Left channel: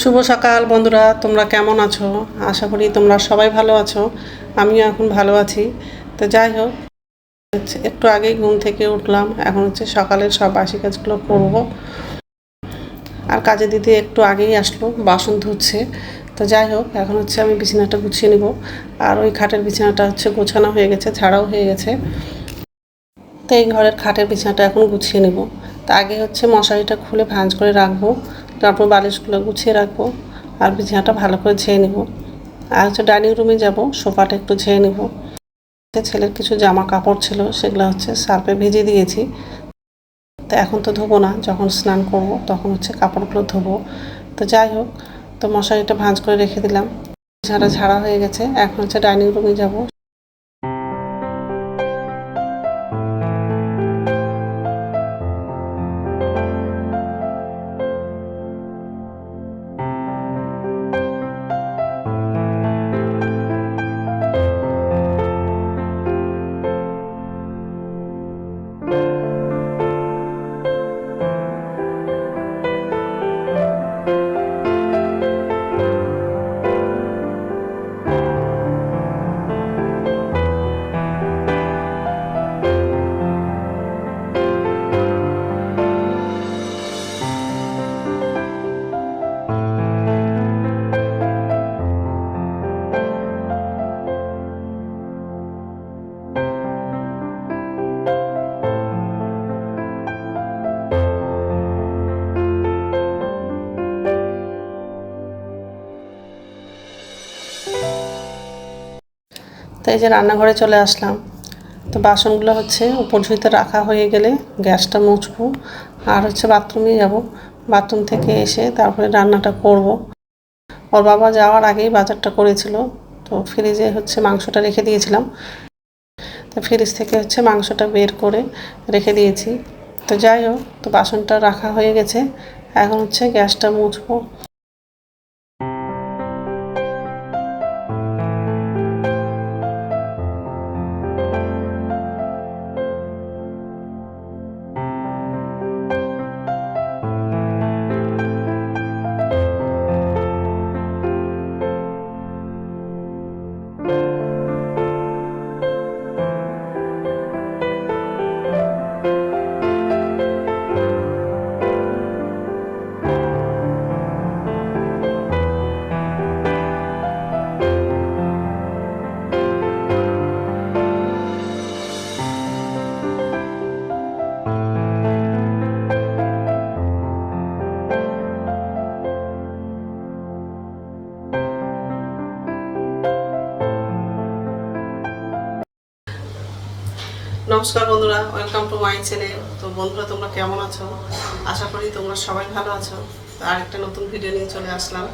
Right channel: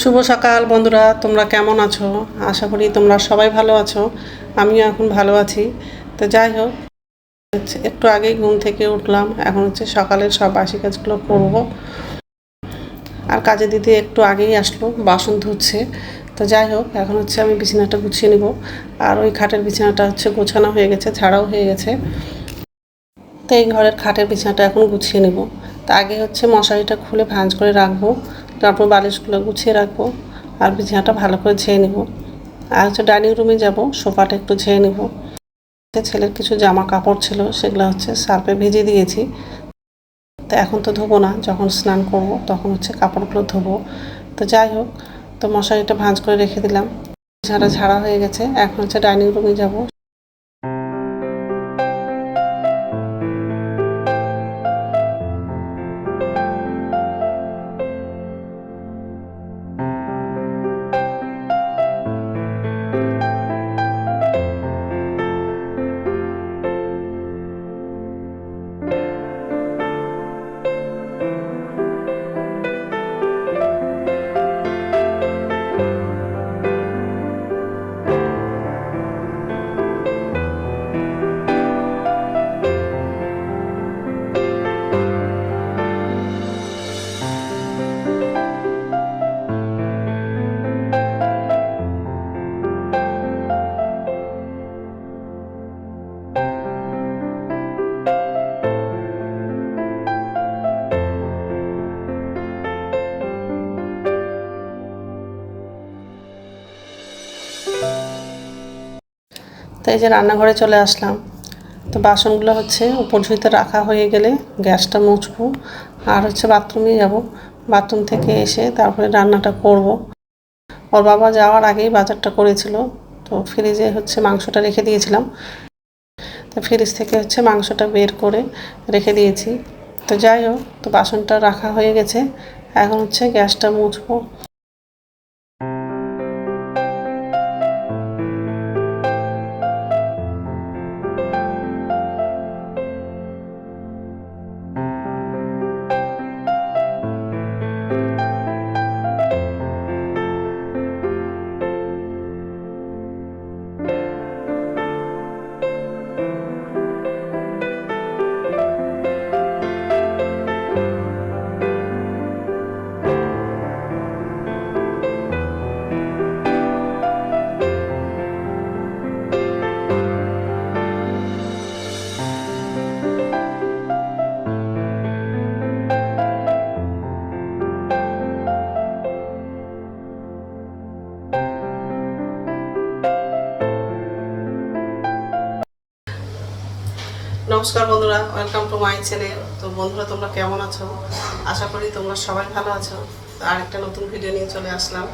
শুভ সকাল বন্ধুরা, তোমরা কেমন আছো? আশা করি তোমরা সবাই ভালো আছো, আমিও এখন ভালো আছি। তো যাই হোক, একটু আগেই ঘুম থেকে উঠলাম, এখন হচ্ছে সকালের সব বাসি কাজগুলো করব। আর কাজে দিতে একটু আগেই আসলো, বাসন ধুচ্ছে। তো যাই হোক, এখন হচ্ছে আমি বিছানাটা গুছিয়ে নিব। আর ওই খাটের বিছানাটা হচ্ছে গোছানো হয়ে গেছে ছাড়াও হয়ে গেছে। তো এই ঘরের খাটের বিছানাটা এখন গুছিয়ে নেব। তা আগে হচ্ছে মশারিটা খুলে ভাঁজ করে রাখব। তারপর বালিশগুলো গুছিয়ে রাখব আর বিছানাটা ভালো করে ঝেয়ে নেব। আর হচ্ছে ডাইনিং রুমে যাব, সোফাটা একটু ঝেয়ে নেব। ছেলের কিছু জামা কাপড় ছিল, সেগুলো হচ্ছে সার্ফে ভেজে দিয়েছি। তো এখন তো ধোবো না, যখন স্নান করব তখন হচ্ছে কাপড়গুলো ধোবো। তো যাই হোক, তো মশারিটা ভাঁজ করে রেখে দিলাম। বিছানাটা ঝাড়া হয়ে গেছে, এখন হচ্ছে ডাইনিং রুমে যাব। এই যে রান্নাঘরে চলে আসলাম। তো বাসনগুলো হচ্ছে উপর ঝুঁইতে রাখা হয়ে গেলে গ্যাসটা মুছবো। আর হচ্ছে বাথরুমে যাব। বাথরুম থেকে এসে তারপরে রান্নাটা করব। ওর বাবা যাওয়ার আগেই বাজারটা করেছিল। তো ফ্রিজে হচ্ছে মাংসটা রেখে দিয়েছিলাম। তো ফ্রিজ থেকে হচ্ছে মাংসটা বের করে রেখে দিয়েছি। তো যাই হোক, তো বাসনটা রাখা হয়ে গেছে। এখন হচ্ছে গ্যাসটা মুছবো। নমস্কার বন্ধুরা ওয়েলকাম টু মাই চ্যানেল তো বন্ধুরা, তোমরা কেমন আছো? আশা করি তোমরা সবাই ভালো আছো। তো আরেকটা নতুন ভিডিও নিয়ে চলে আসলাম।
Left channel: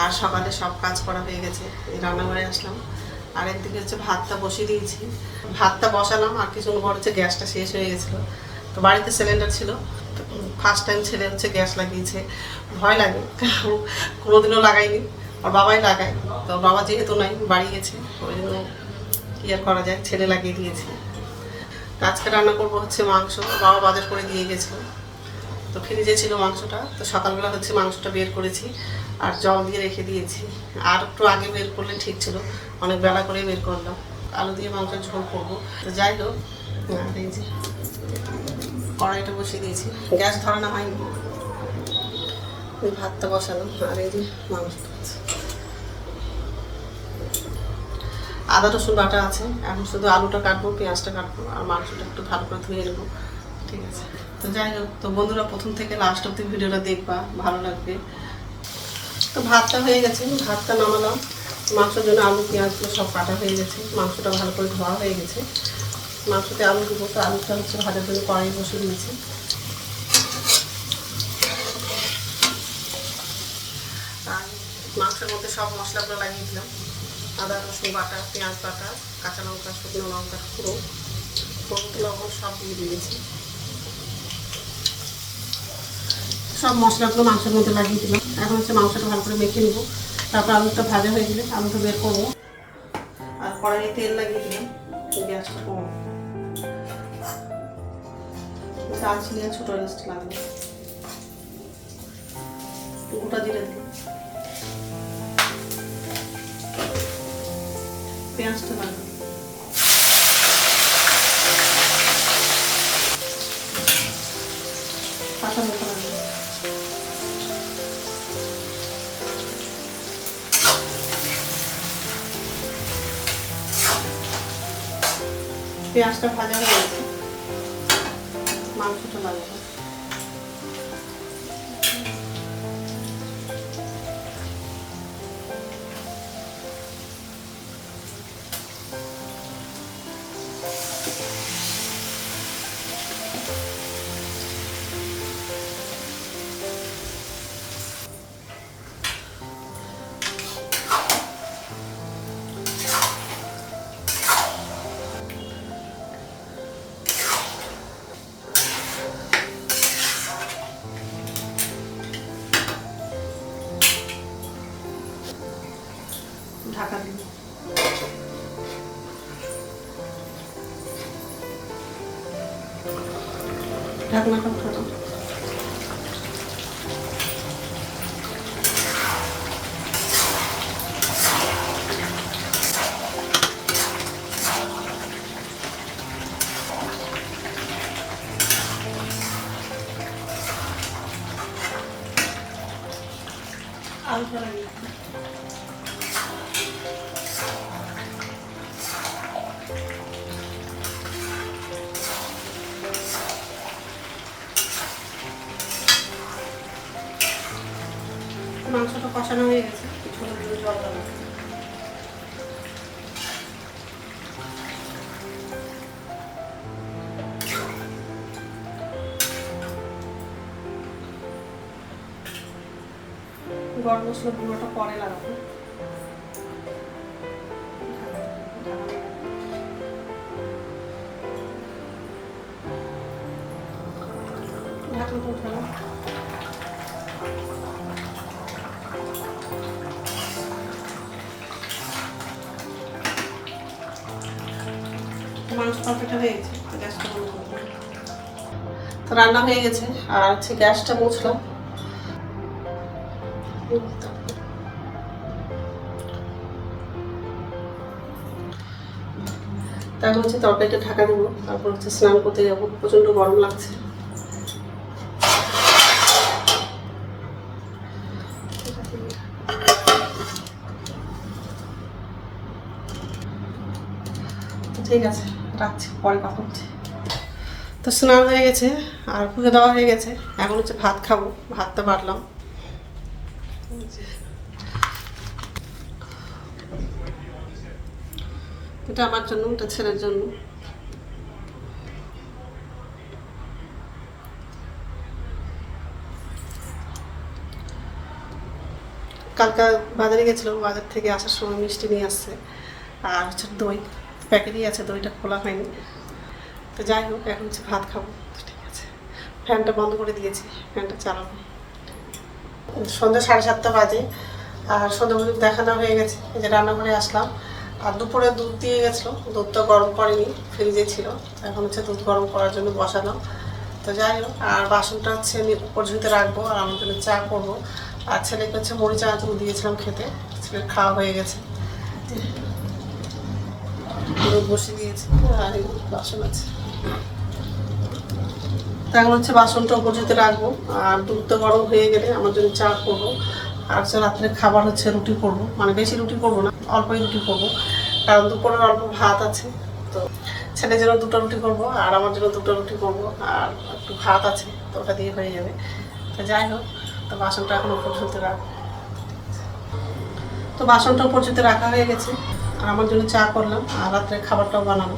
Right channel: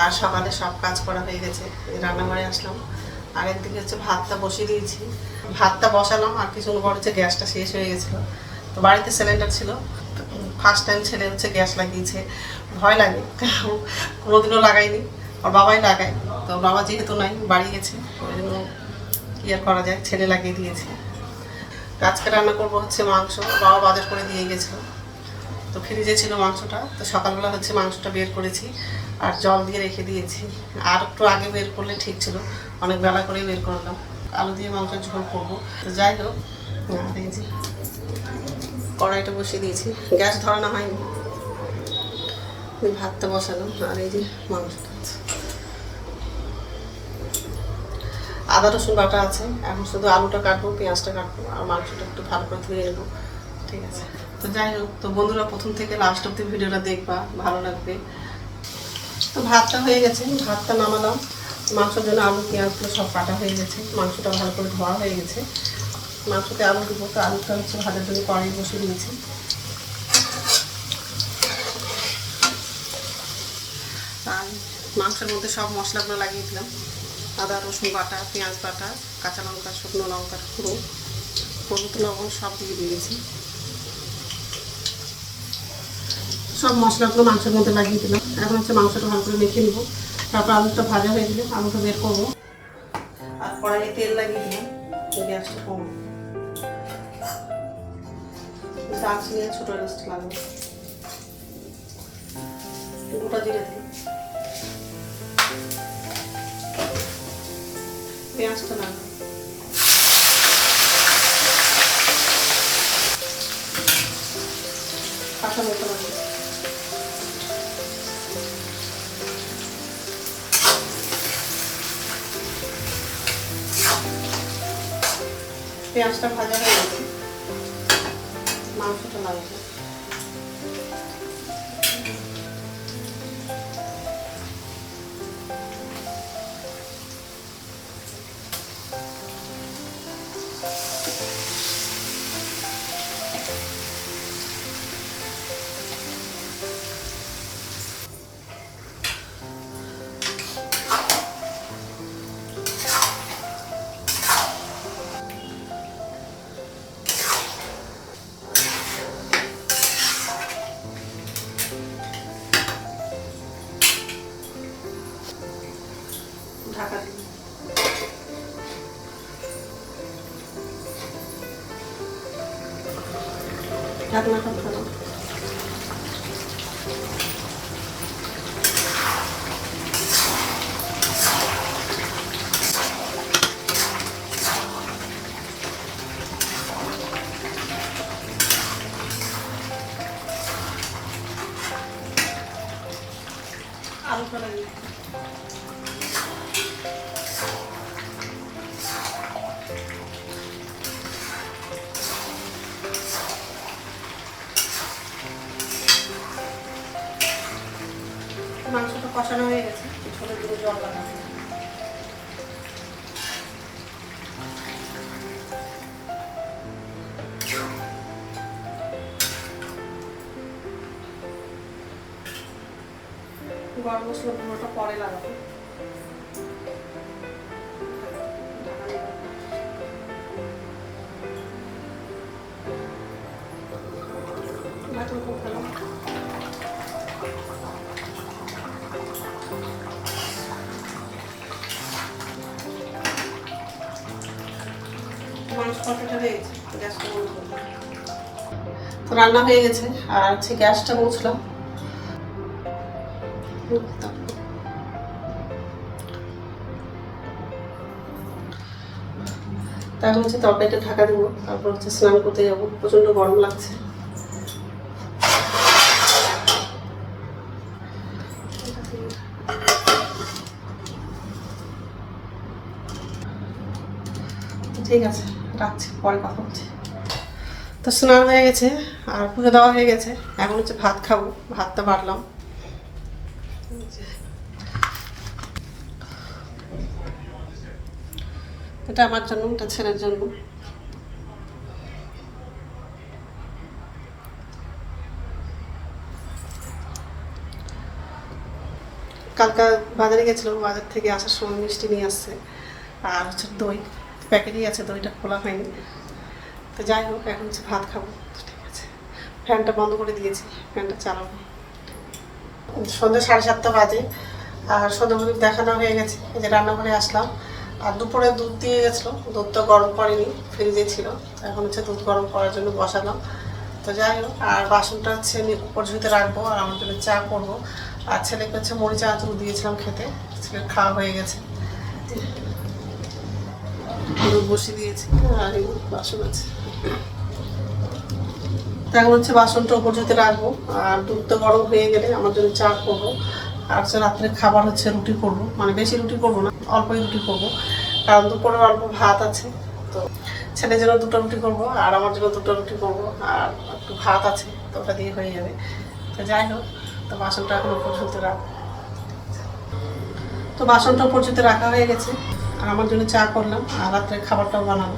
আর সকালে সব কাজ করা হয়ে গেছে রান্নাঘরে আসলাম। আর একদিকে হচ্ছে ভাতটা বসিয়ে দিয়েছি। ভাতটা বসালাম, আর কিছুক্ষণ পর হচ্ছে গ্যাসটা শেষ হয়ে গেছিল। তো বাড়িতে সিলিন্ডার ছিল ফার্স্ট টাইম ছেলে হচ্ছে গ্যাস লাগিয়েছে। ভয় লাগে কোনোদিনও লাগাইনি আর বাবাই লাগায়, তো বাবা যেহেতু নাই, বাড়ি গেছে, ওই জন্য আর করা যায়, ছেলে লাগিয়ে দিয়েছে। আজকে রান্না করব হচ্ছে মাংস, বাবা বাজার করে দিয়ে গেছিল। তো ফ্রিজে ছিল মাংসটা, তো সকালবেলা হচ্ছে মাংসটা বের করেছি আর জল দিয়ে রেখে দিয়েছি। আর একটু আগে বের করলে ঠিক ছিল, অনেক বেলা করে বের করলাম। আলু দিয়ে মাংসের ঝোল করব। তো যাই হোক কড়াইটা বসিয়ে দিয়েছি। গ্যাস ধরানো হয়নি। ভাতটা বসানো আর এই যে মাংসটা আছে আদা, রসুন বাটা আছে। এখন শুধু আলুটা কাটবো, পেঁয়াজটা কাটবো, আর মাংসটা একটু ভালো করে ধুয়ে নেব। ঠিক আছে। তো যাই হোক, তো বন্ধুরা, প্রথম থেকে লাস্ট অব্দি ভিডিওটা দেখবা, ভালো লাগবে। তো ভাতটা হয়ে গেছে, ভাতটা নামালাম। মাংসের জন্য আলু পেঁয়াজগুলো সব কাটা হয়ে গেছে। মাংসটা ভালো করে ধোয়া হয়ে গেছে। মাংসতে আলু দেবো, তো আলুটা হচ্ছে ভাজার জন্য কড়াই বসিয়ে দিয়েছি। আর মাংসের মধ্যে সব মশলাগুলো লাগিয়ে দিলাম। আদা, রসুন বাটা, পেঁয়াজ বাটা, কাঁচা লঙ্কা, শুকনো লঙ্কা পুরো হলুদ, লবণ সব দিয়ে দিয়েছি। সব মশলাগুলো মাংসের মধ্যে লাগিয়ে দিলাম। এখন হচ্ছে মাংসটা ভালো করে মেখে নেব। তারপর আলুটা ভাজা হয়ে গেলে আলুটা বের করব। আর কড়াইয়ে তেল লাগিয়ে দিলাম গ্যাসটা কম। দারচিনি আর ছোটো এলাচটা লাগবে। গোটা জিরে দিলাম। পেঁয়াজটা লাগবে কাঁচা লঙ্কা লাগবে পেঁয়াজটা ভাজা হয়ে গেছে। মাংসটা লাগবে ঢাকা দিন ঢাকনাটা ফোটো আলুটা মাংসটা কষানো হয়ে গেছে ছোটো দুটো জল লাগাবে গরম মশলা গুঁড়োটা পরে লাগাবো। তো রান্না হয়ে গেছে, আর হচ্ছে গ্যাসটা মুছলাম। তারপর হচ্ছে তরকারিটা ঢাকা দেবো, তারপর হচ্ছে স্নান করতে যাব প্রচণ্ড গরম লাগছে। ঠিক আছে। রাখছি, পরে কথা হচ্ছে তো স্নান হয়ে গেছে, আর পুজো দেওয়া হয়ে গেছে। এখন হচ্ছে ভাত খাব ভাত ভাতটা বাড়লাম। এটা আমার জন্য, এটা ছেলের জন্য। কালকা বাজারে গেছিলাম, বাজার থেকে আসার সময় মিষ্টি নিয়ে আসছে, আর হচ্ছে দই। প্যাকেটই আছে দইটা খোলা হয়নি। তো যাই হোক, এখন হচ্ছে ভাত খাব। ঠিক আছে। ফ্যানটা বন্ধ করে দিয়েছি। ফ্যানটা চালাবো। সন্ধ্যা সাড়ে সাতটা বাজে। আর সন্ধ্যা প্রদীপ দেখানো হয়ে গেছে। এই যে রান্নাঘরে আসলাম। আর দুপুরে দুধ দিয়ে গেছিল। দুধটা গরম করেনি ফ্রিজে ছিল। এখন হচ্ছে দুধ গরম করার জন্য বসালাম তো যাই হোক, আর বাসনটা হচ্ছে ঝুঁতে রাখব। আর আমার জন্য চা করব। আর ছেলেকে হচ্ছে মরিচ আঁচড় দিয়েছিলাম খেতে। ছেলের খাওয়া হয়ে গেছে। বসিয়ে দিয়েছি আর বাসন আছে। এখন হচ্ছে বাসনটা উপর ঝুঁতে রাখব, আর দুধটা গরম হয়ে গেলে আমার জন্য চা করব। আর হচ্ছে রাত্রে খাবার হচ্ছে রুটি করব মানে বেশি রুটি করব না, অল্পই রুটি করব। কারণ দুপুরের অল্প ভাত আছে, তো ছেলের জন্য দুটো রুটি করব, আর আমার জন্য দুটো রুটি করব, আর একটু ভাত আছে, তো ওটা দিয়ে হয়ে যাবে। তো যাই হোক, তো বাসনটা এখন উপর ঝুলতে রাখ তো বাসনটা উপর ঝুলতে রাখা হয়ে গেছে। আর আমার জন্য চা করলাম, আর রাত্রে খাবারটাও বানাবো।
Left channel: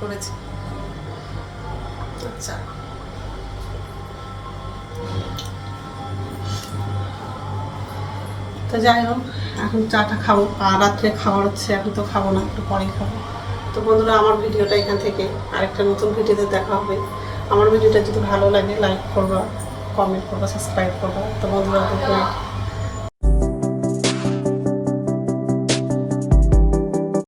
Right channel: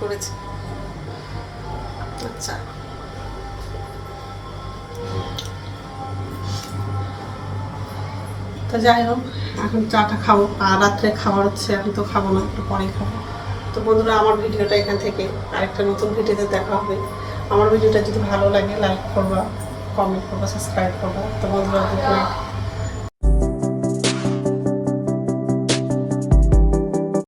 করেছি। তো যাই হোক, এখন চাটা খাব, আর রাত্রে খাবার হচ্ছে, এখন তো খাব না, একটু পরেই খাব। তো বন্ধুরা, আমার ভিডিওটা এখান থেকে আরেকটা নতুন ভিডিওতে দেখা হবে। আমার ভিডিওটা যদি ভালো লাগে লাইক করবা কমেন্ট করবা সাবস্ক্রাইব করবা। তো বন্ধুরা গুড